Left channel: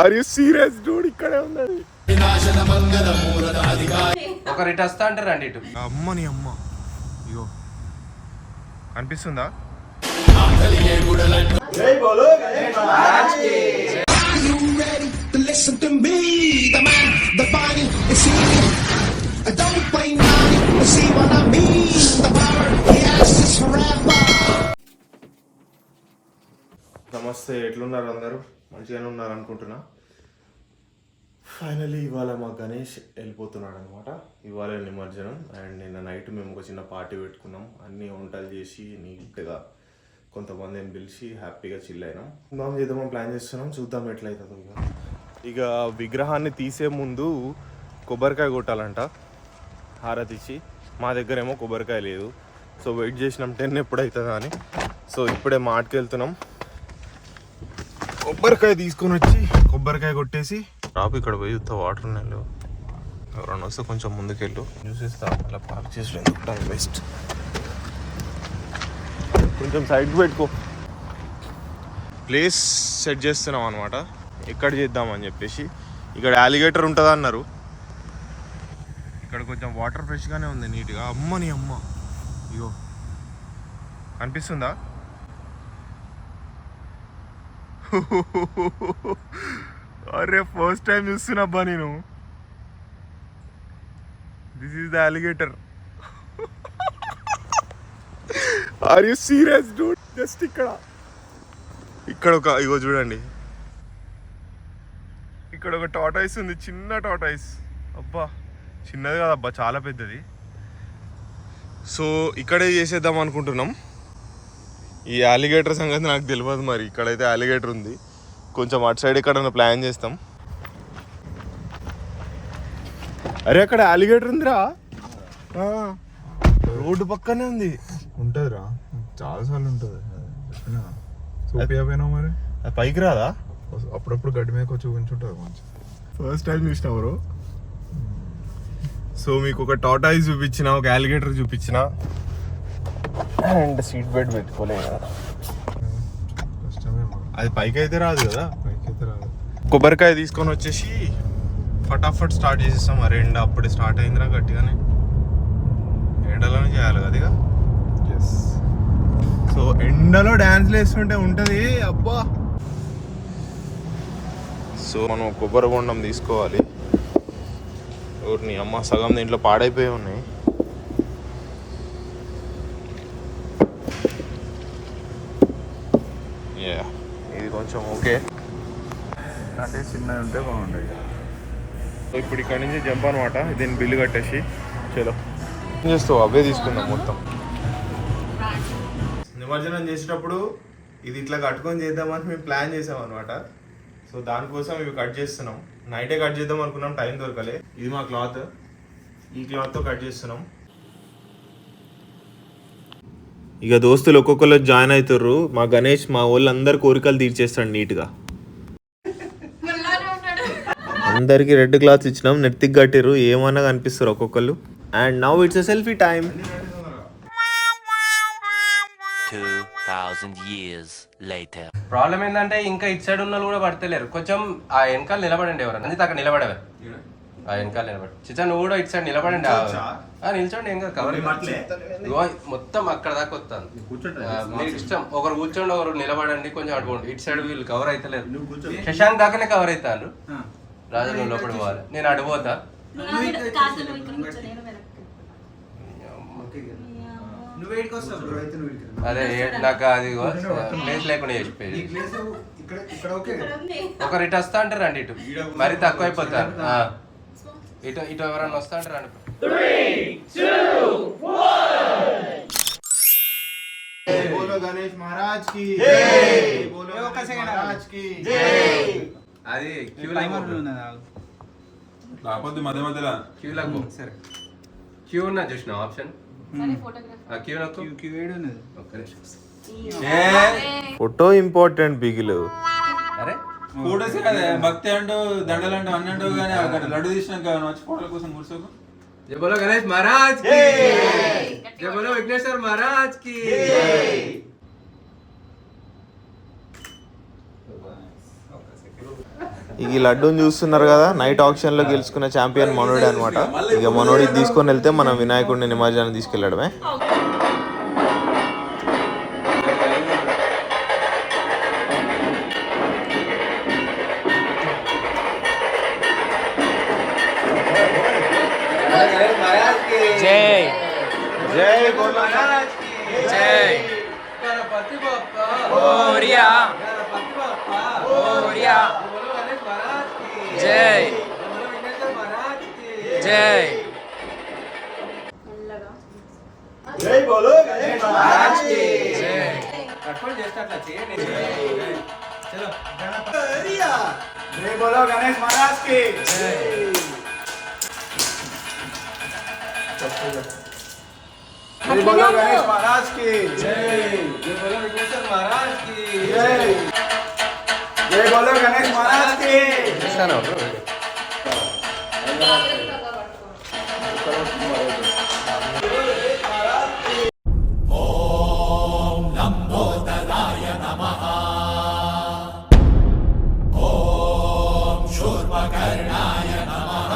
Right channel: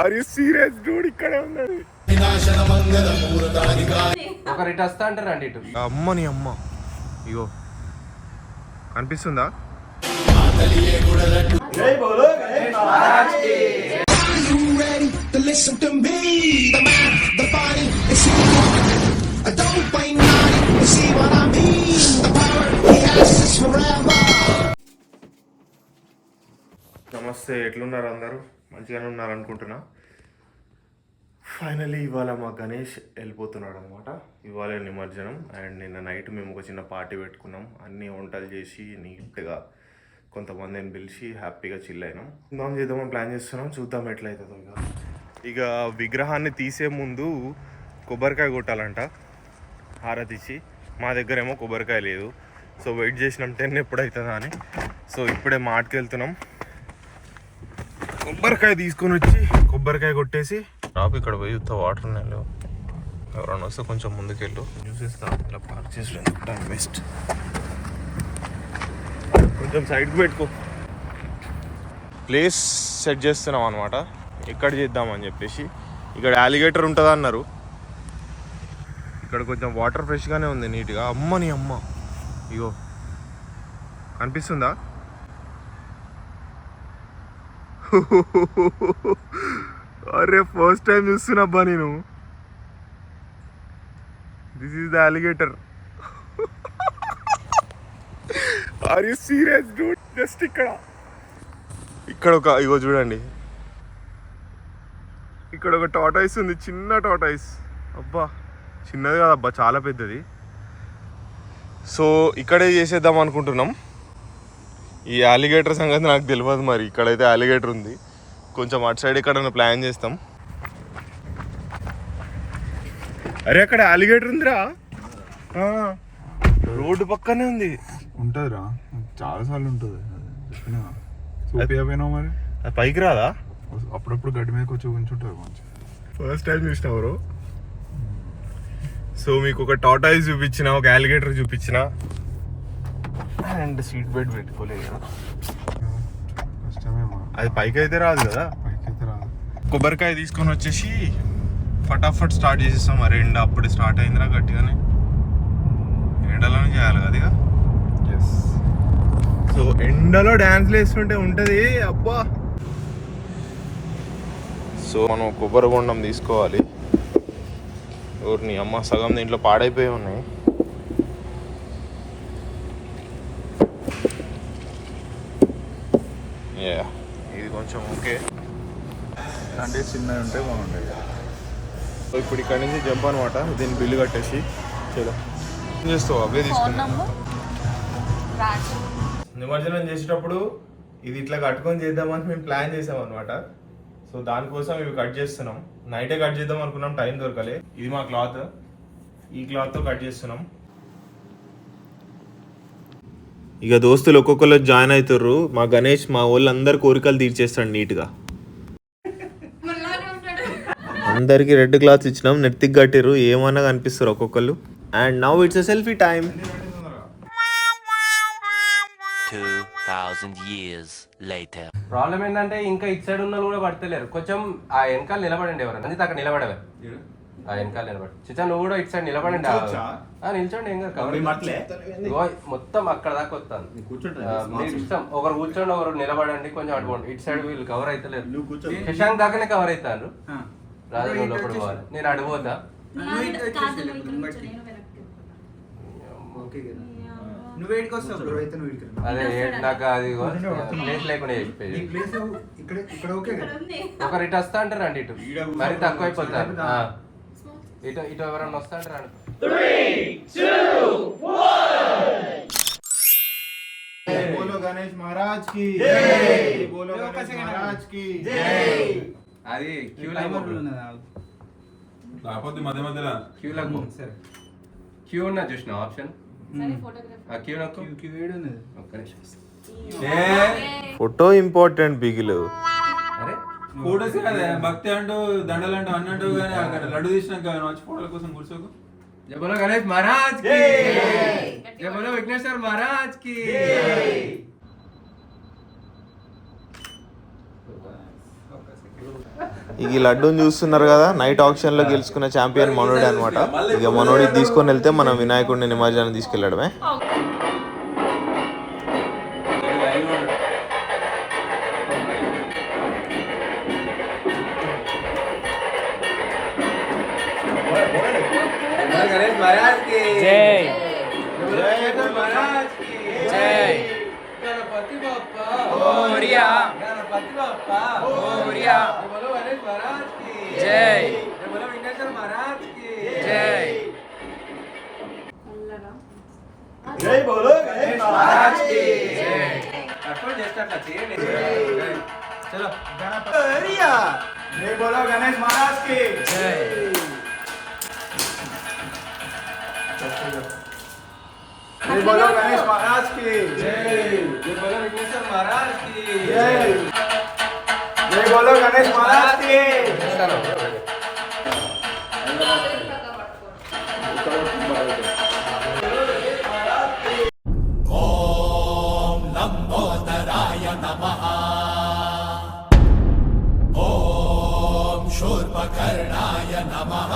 Are you serious Dude? ఇక్కడే ఉన్నది. ఒకరు ఇటు వస్తా అంటారు రండి ఇటు. అమ్మని అమ్మ ఇగో కనిపిస్తుందా? నమస్తే, ఎట్లున్నారు అందరూ? మంచిగానే ఉన్నారు అనుకుంటున్నా. ఫైనలీ ఇవాళ మా గణేష్ వెళ్ళిపోతున్నాడు అనమాట. ఇవాళ నిమజ్జనం. అండ్ నిన్న నైట్ మేము ఒక చిన్న పార్టీ పెట్టుకున్నాం. అన్నీ వంటలు చేసి నీట్గా కొంతమందిని పిలిచి హ్యాపీగా చిల్ అయినాం. చేద్దామని ప్లాన్ చేస్తున్నాం, చూద్దాం ఎట్లయితుందో. ఇక విగ్రహాన్ని తీసే ముందు కొబ్బరికాయ కొట్టాలంట హారతి ఇచ్చి. మా దగ్గర ఏమో కొబ్బరికాయ లేదు. సో వెయిట్ చేసినాం 10 ఎప్పుడవుతుందా అని. సో ఇప్పుడే మార్ట్కి వెళ్తున్నాం. కొబ్బరికాయ తీసుకొని వచ్చి కొబ్బరికాయ కొట్టేసి రాపు ఇక్కడ పోయి వాటర్ ఉన్నాయి. ఎవరన్నా వస్తే కొంచెం ముందుకెళ్ళు చూసేస్తా. అలా పార్క్ చేసి బెస్ట్. కొంచెం సైడ్కి పెట్టుకో. ప్లేస్ సెట్ చేస్తున్నాం అనమాట, ఎక్కడ చేద్దామని చెప్పేసి. ఇక్కడ అలిగేటర్ ఉంటుంది అన్నారు. ఇక్కడ కొంచెం వాటర్ ఫ్రెష్గానే ఉంది, నీట్గా. అమ్మని అమ్మ ఇగో కనిపిస్తుందా? అరే ఫస్ట్ టైం చూస్తున్నబ్బా నేను. This is the alligator. Are you serious dude? Just ఇక్కడ ఒక ఇగో చూడండి, ఇక్కడ ఒక టార్టాయిస్ ఉంది, చిన్న టార్టాయిస్. అబ్బా చిన్నది కాదబ్బా, చాలా పెద్దది. సో ఇక్కడే చేసేద్దాం అనుకుంటున్నాం. ఈ అలిగేటర్ సంగతి నాకు తెలియదు, మరి ఇక్కడైతే అలిగేటర్ ఉంది. కొంచెం అటు సైడ్ ఎక్కడన్నా ప్లాన్ చేస్తాం. అరే అక్కడ అలిగేటర్ ఉందిరా, రోడ్డు పక్కనే ఉంది. ఉంటుందిరా, చాలాసార్లు ఉంటుంది. మరి అది పైకి రాదా? అప్పుడప్పుడు గడ్డి మీద చూపించుంటుంది కొంచెం. ఫస్ట్ టైం చూసినావు. సో మీకు ఒక టార్టాయిస్ చూపించిన, ఒక అలిగేటర్ చూపించిన, అండ్ సీట్ బెల్ట్ పెట్టుకోలేదు. అది పైకి అయితే రాదు కదా. కొబ్బరికాయ తీసుకొని వచ్చేసి ఫటాఫట్ స్టార్ట్ చేసేస్తాం. మరి ఎండ అప్పుడే స్టార్ట్ అయిందిరా గట్టిగానే. ఎండలోనే చేయాలి కదా ఇక. సో ఎండలో డ్యాన్స్లు వేస్తుంటే ఉంటుంది అబ్బా. సో మనం కొబ్బరి బొండం తీసుకోవాలి. ఊరిని అమ్మ సగం దీంట్లో పాడైపోయి ఉన్నాయి. ఇది కొంచెం ఓకే అంటే చిన్నది ఉంటే బాగుంటాయి. ఇప్పుడు ఇక్కడ నుంచి జంప్ అనమాట. దీన్ని బిల్లు కట్టేసి చలో ఏం చేస్తావు, అవే తీసుకుందాం మొత్తం. నిమజ్జనం చేసేటప్పుడు ఇది ఇట్లా కట్టుకొని చేద్దామని మేము ప్లాన్ చేసాం అనమాట. సో దానికోసం ఇవి కట్ చేస్తున్నాం. నైటే కట్ చేద్దాం అనుకున్నాం, టైం దొరకలే. ఇది మా క్లాత్, ఈ క్లాత్తో కట్ చేస్తున్నాం. ఇక దోస్తులు ఒక్కొక్కరు జాయిన్ అవుతారు. మా గణేష్ మా వాళ్ళందరి కోరికలు తీర్చేస్తాడు నీట్గా. అందరికి రెడ్ క్లాత్స్ ఇచ్చినాం, నెత్తికి కట్టిరు. ఏమన్నా కనిపిస్తారు ఒక్కొక్కరు. And now it's a selfie time. 2000 years later. Problem ఏంటంటే ఇంకా ఇటు సైడ్ ఉన్న కూడా పడతలేరు. కొంచెం ఆ వెనకాల నిలబడండి. ఎవరన్నా అక్కడ నిలబడవే, ఆ వెనకాల నిలబడి. చిచ్చా నువ్వు కూడా ఇటు సైడ్ నిలబడండి. నిల్చోండి, ఏం కాదు. కవర్ మొత్తం అక్కడ దాకా వస్తాను. మీకు ఇష్టం. ఒకరు కూర్చోండి, ఒకరు నిలబడండి. కొంచెం అడుకోండి. ఇటు సైడ్ వీళ్ళు కవర్ అవుతలేరు. శశాంక్ దాకానే కవర్ అవుతాను. రాజా నువ్వు లోపల పోవాలి, నేను అడిపోతా. అదే నాకు అది ప్లేస్ లేకుండా చేసిపోయింది. ఒకరు ఇటు వస్తా అంటారు రండి ఇటు, మరీ తక్కువ అయిపోతారు. ఇటు ఇటు ఎవరన్నా వస్తా అంటారు రండి. 3, 2, 1. बोलो गणेश महाराज की जय, बोलो गणेश महाराज की जय. అది క్యూ లైన్ కాకపోతే మధ్య మధ్యలో క్యూ ఉన్నా చూసిన ఆప్షన్. ఫోటో ఇంపార్టెంట్ బిగిలు. ఫోటోస్ కదా, భక్తి అంటూ దండలు అంటూ అన్ని అంటావు కానీ లడ్డు తీసినాక ఫోటోల కోసం కూర్చోకు. జై బోలో గణేష్ మహారాజ్ కి జై బోలో విఘ్నేశ్వర్ మహారాజ్ కి. ఇక ఈ లడ్డూని చూస్తున్నారు కదా, నైట్ ఆప్షన్లో గెలుచుకున్న ఛాంపియన్ మనోడే అనమాట. ఇక మనోడి తీసుకొని వెళ్తే మనం వినాయకుడిని నిమజ్జనం తీసుకెళ్ళడమే. జై జై ఓరియా ఓరియా జై జై జై బోలో గణేష్ మహారాజ్ కి జై కట్టుకొని చేస్తే అట్లా చేయండి. చలో గణపతి జై బోలో గణేష్ మహారాజ్ కి జై जय बोलो गणेश महाराज की जय जय बोलो विघ्नेश्वर महाराज की जय जय बोलो गणेश महाराज की ओम लंबोदराय नमः ओम शूर्पकर्णाय नमः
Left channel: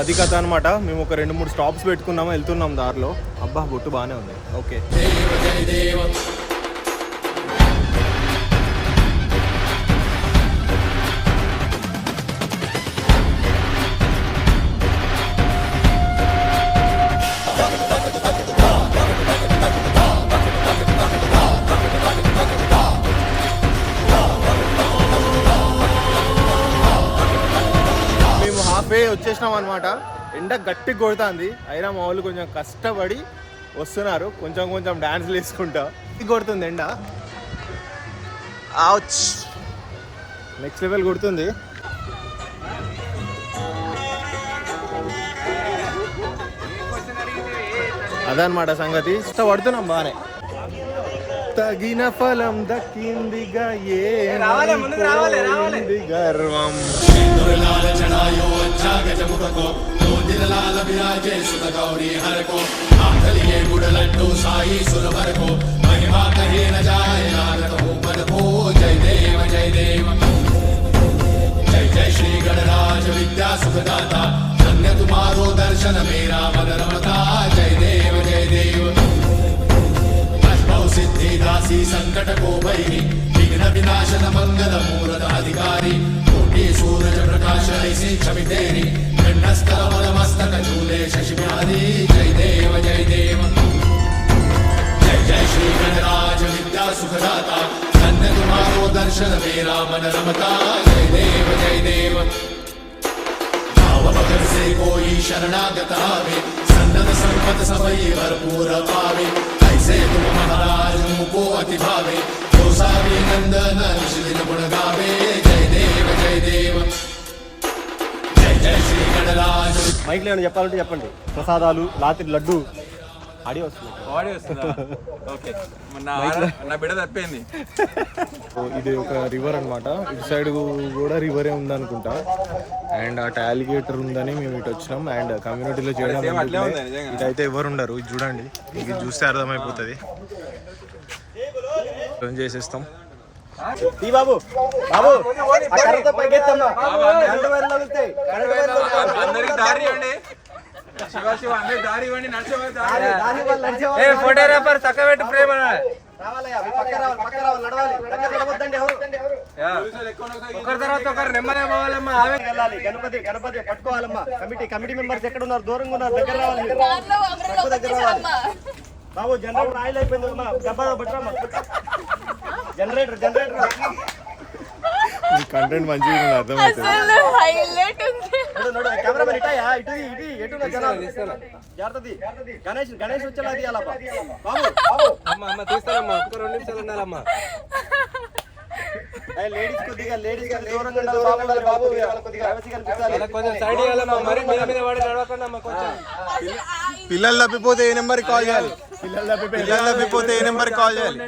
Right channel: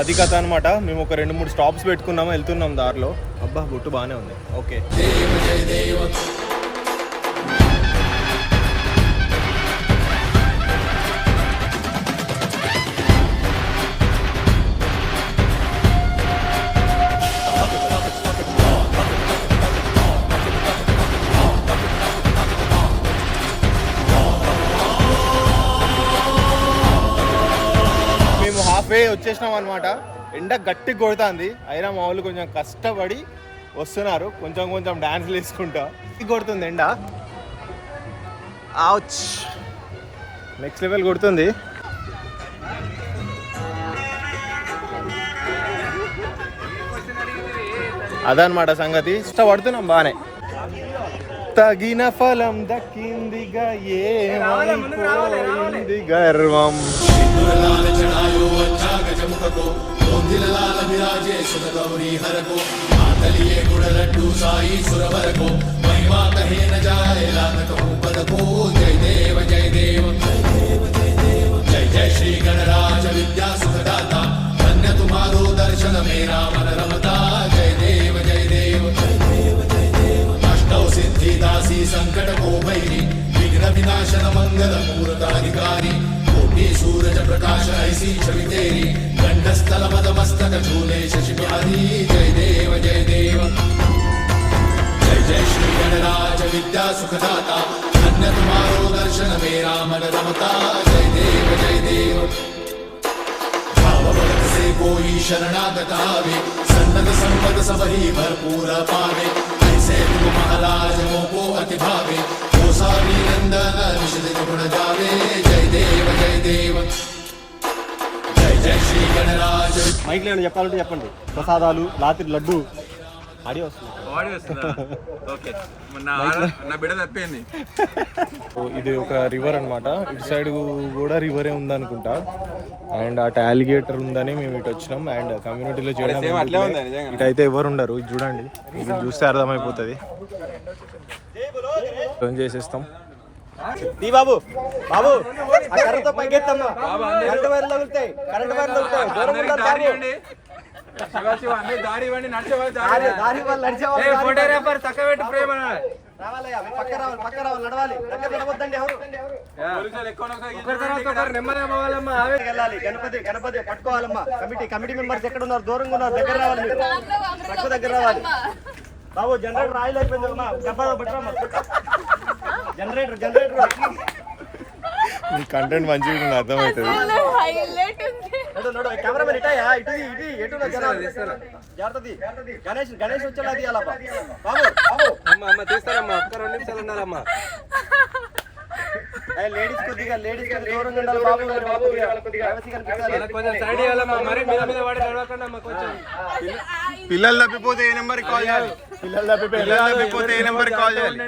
అది కథ అనమాట. మేము ఒక 2-3 స్టాప్స్ పెట్టుకున్నాము, వెళ్తున్నాం దారిలో. అబ్బా బొట్టు బాగానే ఉంది. ఓకే మేము హాఫ్ వే వచ్చేసినాం అనమాట. ఎండ గట్టి కొడుతుంది, అయినా మా వాళ్ళు కొంచెం కష్టపడి వస్తున్నారు, కొంచెం కొంచెం డాన్స్లు వేసుకుంటా. కొడుతుంది ఎండ, నెక్స్ట్ లెవెల్ కొడుతుంది. అదనమాట సంగతి. ఇష్టపడుతున్నాం బాగానే. తగిన ఫలం దక్కిందిగా ఏమైపోయింది గర్వం. మైక్లో చెప్పాలంటే చెప్పండి. ప్రసాదాలు, రాత్రి లడ్డు, ఆడియో వస్తుందా? ఓకే, నా బిడ్డ తప్పింది. ఇది ఒక రివర్ అన్నమాట. ఇటు సైడ్ కూడా రివరే ఉందనుకుంటా. అండ్ అటు అలిగేటర్ ఉందని మేము ఇటు వచ్చినాం. అండ్ కమ్యూనిటీలో చేయడం ఎందుకులే, ఇటైతే ఎవరు ఉండరు. ఇది చూడండి, ఇది చూస్తే అర్థమైపోతుంది. చేసేస్తాం. బాబు బాబు ఆ కర్రతో పైకెత్తమ్మా, కరెంట్ వైర్లు తగులుతాయి, కరెంట్ వైర్లు అందరికి దారి ఇవ్వండి. శివ అందరికి దారి ఇవ్వండి. దారి వాళ్ళు నడిచే వాళ్ళు రావాలయ్యా, మీరు పక్క రావాలి, పక్క రావాలి, నడవాలి. దగ్గర నడవద్దండి ఎవరు. వెళ్ళాలి. గణపతి గణపతి పట్టుకోవాలమ్మా. కమిటీ మెంబర్స్ ఎక్కడ ఉన్నారు? దూరంగా ఉన్నారు, దగ్గర రావాలి. మీరు దగ్గర రావాలి. బాబు జనరేటర్ ఆయిల్ అయిపోయింది అమ్మా, డబ్బా పట్టరా. జనరేటర్ కంటెంట్ మంచిగా అర్థమవుతుంది. కెమెరామెన్ ఇటాయా, ఇటు ఎటు జనాలు జాగ్రత్త. గణేష్ వచ్చేలా తీయాలా బాబు. లేడీస్ కొద్దిగా దూరంగా ఉండాలి బాబు. పిల్లలు తప్పిపోతే ఏ నెంబర్ కాల్ చేయాలి? పిల్లలు తప్పిపోతే ఏ నెంబర్ కాల్ చేయాలి?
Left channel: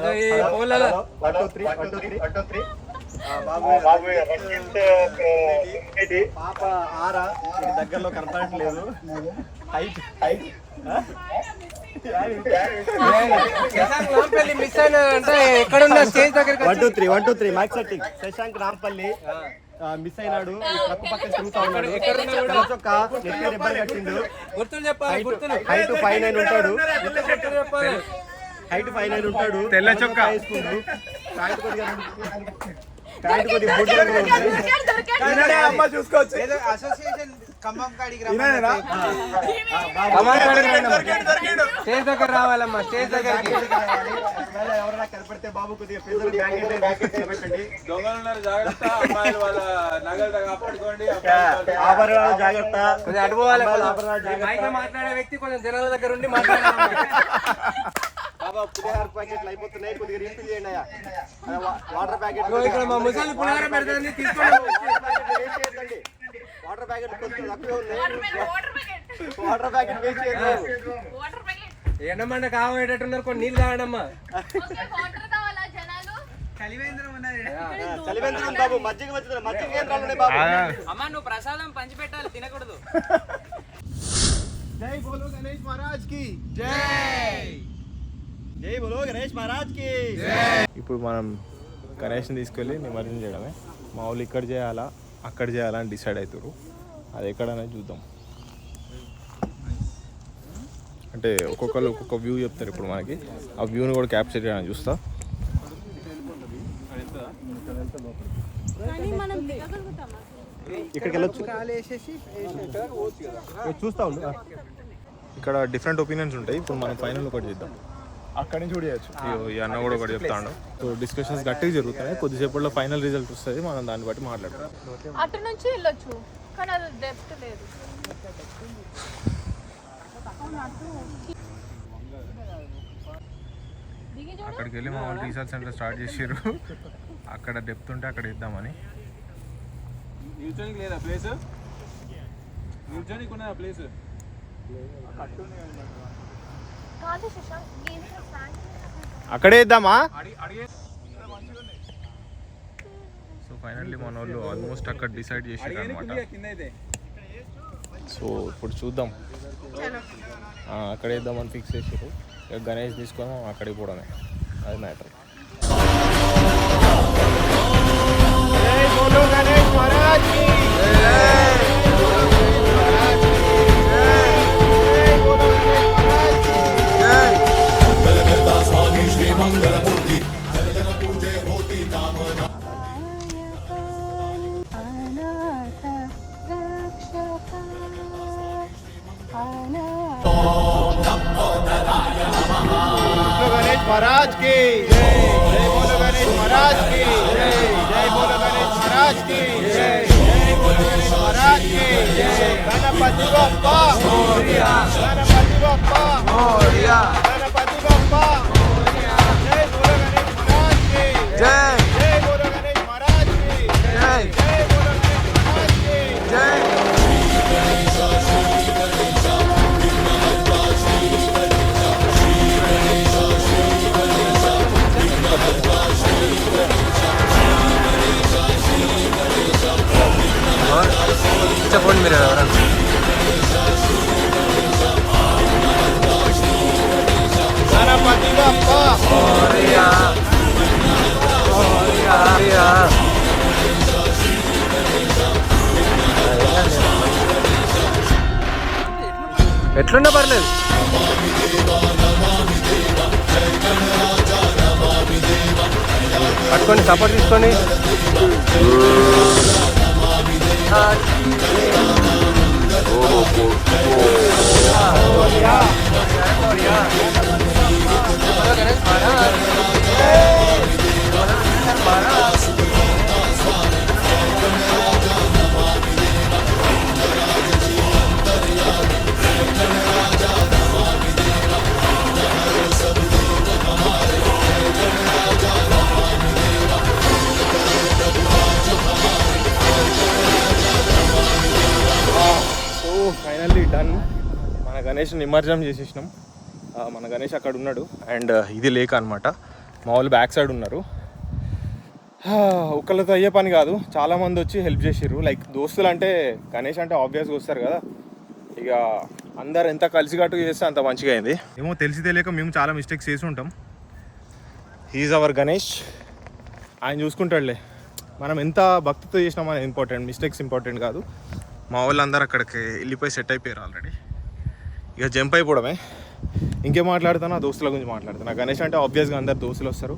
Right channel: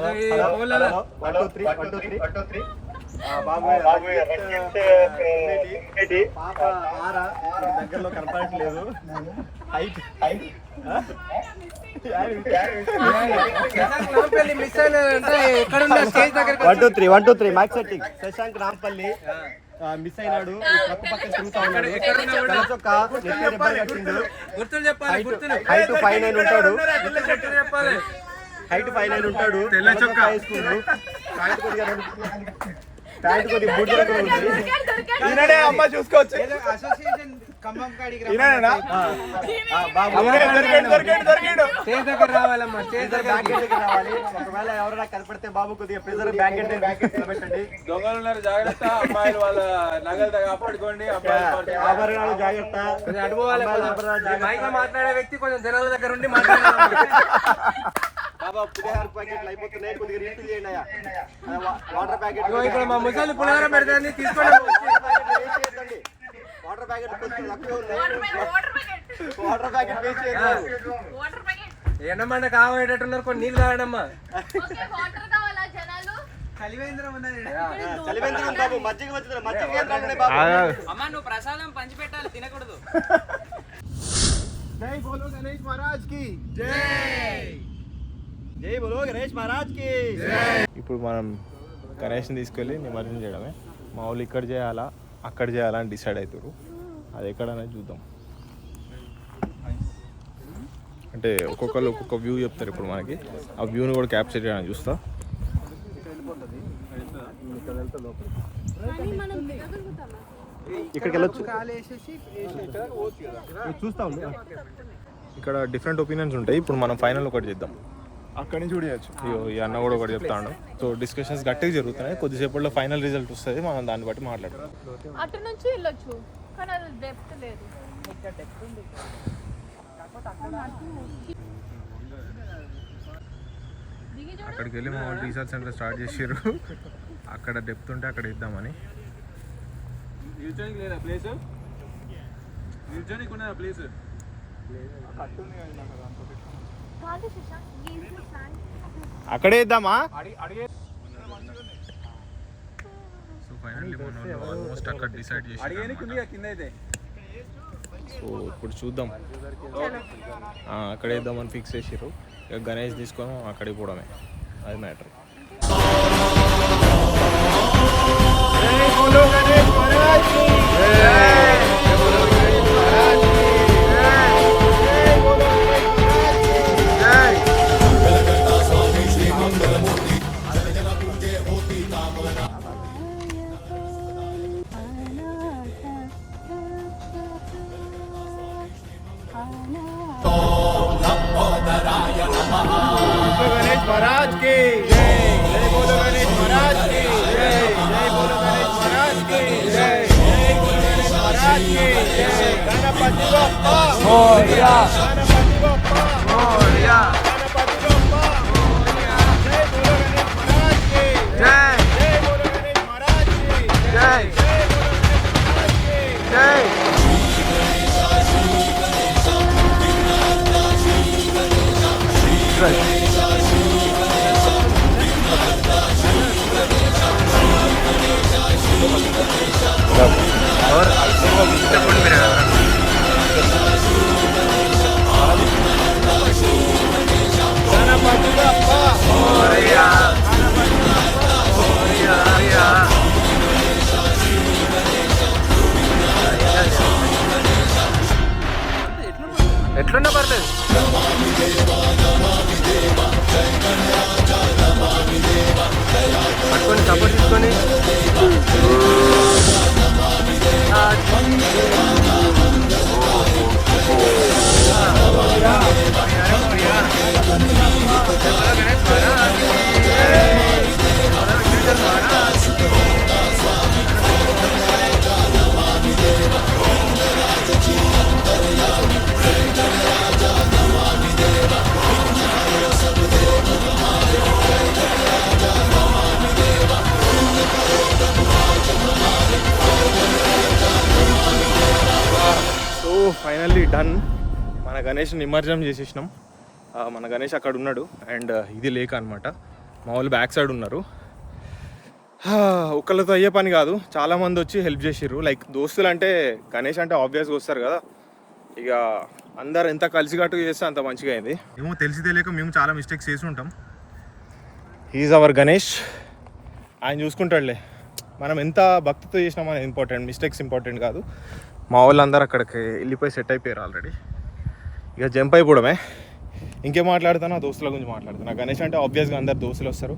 1 2 3 ఆరా ఇది దగ్గరలో కనపడట్లేదు. Height 1 2 3 max setting. Shashank Rampalli miss అయినాడు, పక్క తిరుగుతా ఉన్నాడు. చొక్క నెత్తి రెబ్బలు కట్టిండు. హైట్ 5'9" ఉంటాడు. తెల్ల చొక్కా వేసుకుంటు. ప్యాంట్ కొద్దిగా బూట్ రంగులో ఉంటుంది. చూసుకోవచ్చు. ఒకవేళ ఎవరైనా కనపడితే బాబు కొద్దిగా ప్రెజర్ బ్యాకెట్ పెట్టండి. ఆభరణాలు జాగ్రత్త. మాట్లాడే వ్యక్తి కొంచెం జనాల దగ్గర ఉండి బాబా పులిహార ప్యాకెట్లు అయిపోతున్నాయి, కొద్దిగా రీఫిల్ చేయండి అయ్యా. వాటర్ ప్యాకెట్ వాటర్ ప్యాకెట్ కొంచెం తక్కువ ఉంది. వాటర్ ప్యాకెట్ వేస్ట్ చేద్దాం. ఎండమండ కావాలనేటట్టున్నారు, కొన్ని నీళ్ళు తాగడమ్మా. చలివేంద్రం బాబు, మజ్జిగ కేంద్రాలు ఉన్నాయి బాబు. అమ్మా నువ్వు ప్రసాదం పంచి పెట్టాలి, తినకూడదు. జై బోలో గణేష్ మహారాజ్ కి జై. జై బోలో గణేష్ మహారాజ్ కి జై. ఇప్పుడు మనం గణేష్ని తీసుకెళ్ళి నిమజ్జనం చేయడమే. మా వాళ్ళు ఇక్కడ చేయాలా అక్కడ చేయాలా అని డిసైడ్ అవుతారు. అది ఎక్కడనేది చూద్దాం. అంటే ఒక్కొక్కరు ఒక్కొక్క వ్యూ చెప్తారు. ఇప్పుడు మనకి ఆ వ్యూని కూడా క్యాప్చర్ చేయడానికి చూస్తా. ఇక్కడికి వెళ్ళొచ్చు, చూస్తా ఉంది. ఇక్కడ డిఫరెంట్ ఒపీనియన్స్ ఉంటాయి. ఇప్పుడు మనం ఫైనల్ ఒకటి చేద్దాం. అక్కడి నుంచి కూడా చేయొచ్చు. ఈ అన్న కూడా ఒకటి చెప్తాడు. సో డిస్కషన్స్ గట్టిగా జరుగుతున్నాయి. కొద్దిసేపట్లో ఫైనల్ రిజల్ట్ వస్తుంది, మనం దాన్ని బట్టి మాట్లాడుతున్నాం. అటు నుంచి వెళ్ళొచ్చు, కానీ అది డెప్త్ లేదు. అక్కడికి వెళ్ళి మా వాళ్ళు రీసెర్చ్ సెంటర్ స్టార్ట్ చేసారు. అక్కడ డెప్త్ ఉంటే అక్కడ ఇద్దామని. అక్కడే ఇద్దామా? సో ఫైనల్లీ మన వాళ్ళు ఆల్మోస్ట్ అక్కడ డిసైడ్ చేసారు అన్నమాట. సో ఇప్పుడు చూద్దాం. అక్కడే ఇద్దామని ఫిక్స్ చేసారు. ఇక గణేష్ తీసుకొని అక్కడికి పోవడమే, అది మ్యాటర్. జై బోలో గణేష్ మహారాజ్ కి జై. బోలో గణేష్ మహారాజ్ కి జై. జై బోలో గణేష్ మహారాజ్ కి జై. गणेश महाराज की जय. जय बोलो गणेश महाराज की जय. जय बोलो गणेश महाराज की जय. जय बोलो गणेश महाराज की जय. गणपति बप्पा मोरया. गणपति बप्पा मोरया. गणपति बप्पा मोरया. जय बोलो गणेश महाराज की जय. जय बोलो गणेश महाराज की जय. जय बोलो गणेश महाराज की जय. బప్ప మోరియా గణపతి బప్ప మోరియా. ఎట్లున్నా పర్లేదు. పట్టుకొని సపోర్ట్ తీసుకొని సో ఫైనల్లీ డన్. మన గణేష్ నిమజ్జనం చేసేసినాం. మన గణేష్ అక్కడ ఉన్నాడు అండ్ ఇది లేక అనమాట. మా వాళ్ళు బ్యాక్ సైడ్ ఉన్నారు. ఒక్కళ్ళతో అయ్యే పని కాదు, చాలామంది వచ్చి హెల్ప్ చేసిర్రు. లైక్ దోస్తులు అంటే గణేష్ అంటే ఆబ్వియస్గా వస్తారు కదా, ఇక అందరు ఎంత కలిసికట్టుగా చేస్తే అంత మంచిగా అయింది. ఏమో తెలిసి తెలియక మేము చాలా మిస్టేక్స్ చేసి ఉంటాం. హీఈస్ అవర్ గణేష్, ఆయన చూసుకుంటాడులే. మనం ఎంత భక్తితో చేసినాం అనేది ఇంపార్టెంట్, మిస్టేక్స్ ఇంపార్టెంట్ కాదు. మా వాళ్ళందరూ అక్కడికి వెళ్ళిపోయి సెట్ అయిపోయారు ఆల్రెడీ. ఇక జంప్ అయిపోవడమే. ఇంకేం మాట్లాడుతాను, ఆ దోస్తుల గురించి మాట్లాడుతాను. గణేష్ అంటే ఆబ్వియస్గా అందరు దోస్తులు వస్తారు,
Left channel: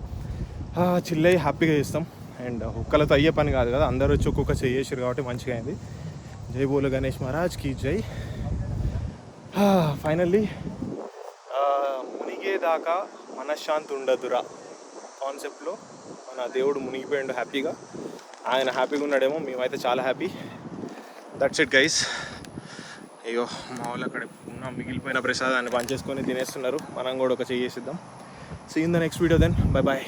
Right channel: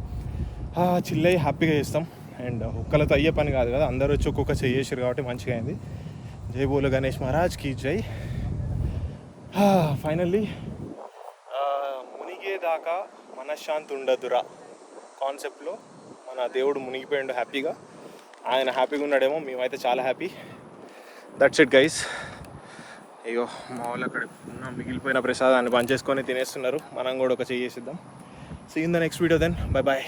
చిల్లై హ్యాపీగా చేస్తాం. అండ్ ఒక్కళ్ళతో అయ్యే పని కాదు కదా, అందరూ వచ్చి ఒక్కొక్క చేసారు కాబట్టి మంచిగా అయింది. జై బోలో గణేష్ మహారాజ్కి జై. ఫైనల్లీ మునిగేదాకా మనశ్శాంతి ఉండదురా కాన్సెప్ట్లో మన దేవుడు మునిగిపోయిండు హ్యాపీగా. ఆయన హ్యాపీగా ఉన్నాడేమో, మేమైతే చాలా హ్యాపీ. That's it guys. అయ్యో మా వాళ్ళు అక్కడ ఉన్న మిగిలిపోయిన ప్రసాదాన్ని పనిచేసుకొని తినేస్తున్నారు. మనం కూడా ఒక చేసిద్దాం. See in the next video then. Bye bye.